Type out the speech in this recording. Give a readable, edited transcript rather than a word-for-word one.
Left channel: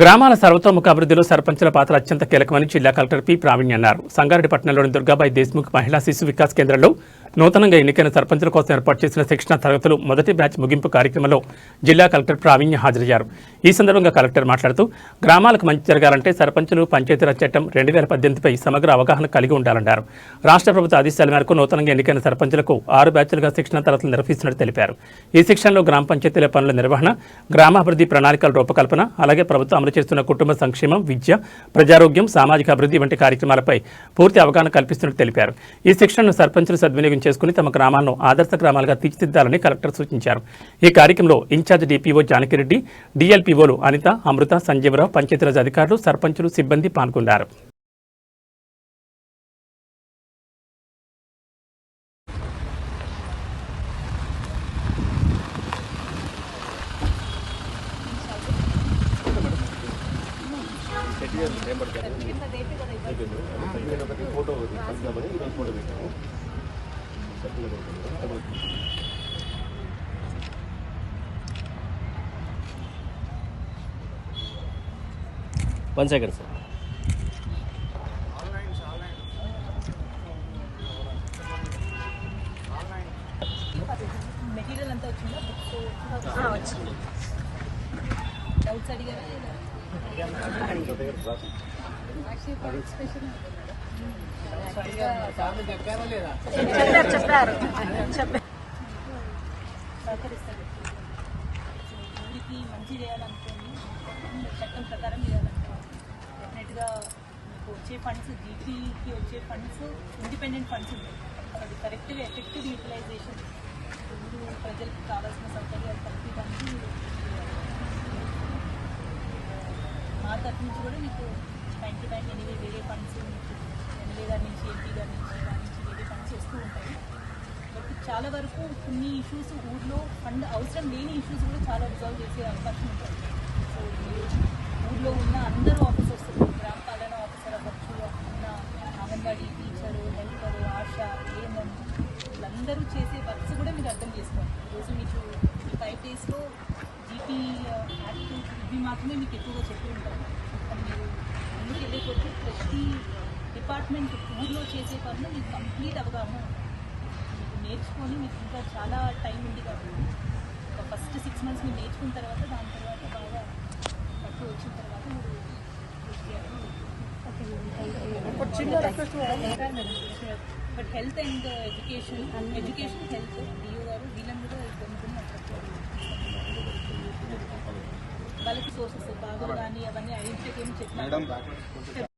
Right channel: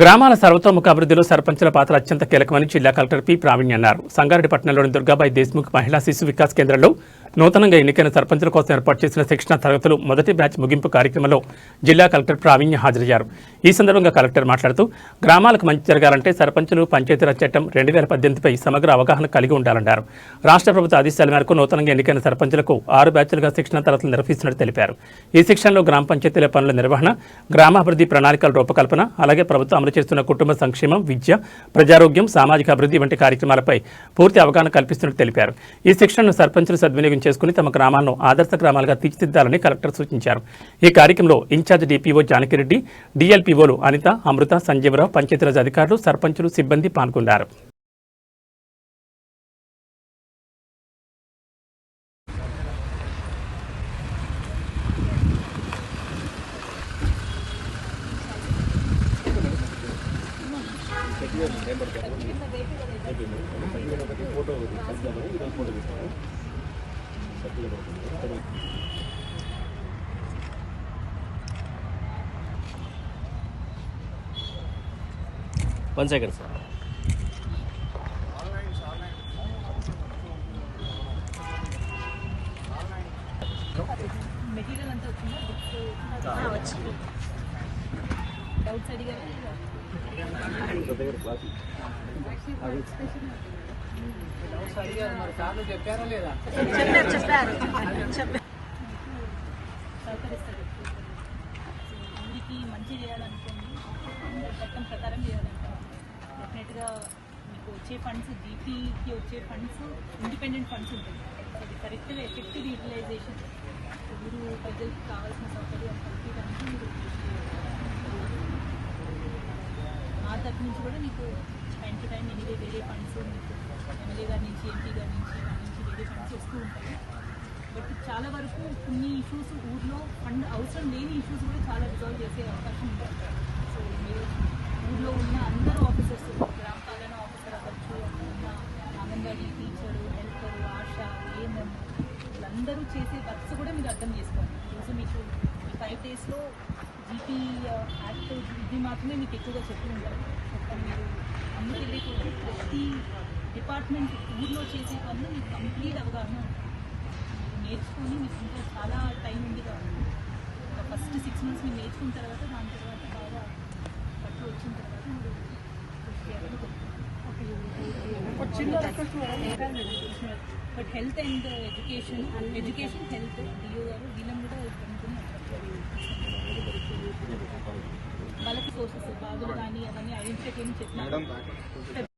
గ్రామాల సర్వతోముఖ అభివృద్ధిలో సర్పంచుల పాత్ర అత్యంత కీలకమని జిల్లా కలెక్టర్ పి ప్రావీణ్య అన్నారు. సంగారెడ్డి పట్టణంలోని దుర్గాబాయి దేశ్ముఖ్ మహిళా శిశు వికాస్ కేంద్రంలో నూతనంగా ఎన్నికైన సర్పంచుల కోసం ఏర్పాటు చేసిన శిక్షణ తరగతులు మొదటి బ్యాచ్ ముగింపు కార్యక్రమంలో జిల్లా కలెక్టర్ ప్రావీణ్య హాజరయ్యారు. ఈ సందర్భంగా కలెక్టర్ మాట్లాడుతూ గ్రామాలకు మంచి జరగాలంటే సర్పంచులు పంచాయతీరాజ్ చట్టం 2018పై సమగ్ర అవగాహన కలిగి ఉండాలన్నారు. రాష్ట్ర ప్రభుత్వ ఆదేశాల మేరకు నూతనంగా ఎన్నికైన సర్పంచులకు 6 బ్యాచ్లుగా శిక్షణ తరగతులు నిర్వహిస్తున్నట్టు తెలిపారు. ఈ శిక్షణలో గ్రామ పంచాయతీల పనుల నిర్వహణ, గ్రామాభివృద్ధి ప్రణాళికల రూపకల్పన, అలాగే ప్రభుత్వం అమలు చేస్తున్న కుటుంబ సంక్షేమం, విద్య, ప్రజారోగ్యం, సామాజిక అభివృద్ధి వంటి కార్యక్రమాలపై పూర్తి అవగాహన కల్పిస్తున్నట్టు తెలిపారు. ఈ శిక్షణను సర్పంచులు సద్వినియోగం చేసుకుని తమ గ్రామాలను ఆదర్శ గ్రామాలుగా తీర్చిదిద్దాలని కలెక్టర్ సూచించారు. ఈ కార్యక్రమంలో ఇన్ఛార్జ్ డిపిఓ జానకిరెడ్డి, డిఎల్పిఓలు అనిత, అమృత, సంజీవరావు, పంచాయతీరాజ్ అధికారులు, సర్పంచులు, సిబ్బంది పాల్గొన్నారు. One second, sir. మెటీరియల్ అంతా వచ్చిందా? బుక్స్ డౌట్స్ అడిగారు. సహకరిస్తారు. ఊరికి మంచి చేయాలనుకోండి, చట్టం ప్రకారం చేయాలనుకోండి, డెఫినెట్గా మీకు వచ్చే ఫండ్స్, జీపీకి వచ్చే ఫండ్స్ ఇండిపెండెంట్ ఫండ్స్ ఉంటాయి. అది కరెక్ట్గా ఎఫెక్టివ్ యూటిలైజేషన్, ఊరు ప్రజలకు కావాల్సిన సౌకర్యాలు కల్పించడానికి మీరు మా తరఫు నుంచి కూడా మీకు టైం టు టైం ఎనివే వేరే ఫండ్స్ మీకు ఎమ్మెల్యే గారి నుంచి, ఎంపీ గారి నుంచి, దాని నుంచి వేరే ఫండ్స్ వస్తూ ఉంటాయి. బట్ చాలా వరకు కొన్ని ఇష్యూస్ ఊర్లో ఫండ్ అవసరం లేని ఇష్యూస్ కూడా చాలా రిజాల్వ్ చేసే అవకాశం ఉంటుంది. సో మీరు ఊర్లో ఉన్న అందరూ ఆఫీసర్స్, గ్రామ పాలన ఆఫీసర్ అవ్వచ్చు, ఉన్న అంగన్వాడీ టీచరు, హెల్పరు, ఆశ, ఏఎంఎం, వీళ్ళందరూ చేసే వర్క్స్ కూడా మీరు అర్థం చేసుకోవాలి. ఈరోజు మీకు ఈ 5 డేస్లో జీపీ యాక్ట్ ఇవి మాత్రమే మీకు ఎక్కువగా చెప్పి ఉంటారు. మీరు అన్ని తెలియకపోతే ప్రతి డిపార్ట్మెంట్ ఊర్లో చేసే పనులు మీకు కంప్లీట్ అవగాహన ఉంటుంది. మీరు నేర్చుకొని మీకు ఇంకా చాలా టైం ఉంది కాబట్టి ఫస్ట్ 6 months మీరు నేర్చుకున్న తర్వాత దాని తర్వాత బాగా పట్టు వచ్చిన తర్వాత మీరు but health and education health DO గారు వీళ్ళని కూడా వాళ్ళకి సోర్సెస్ బాధలు కానీ అవన్నీ ఐడెంటిఫై చేయని చెప్పినారు.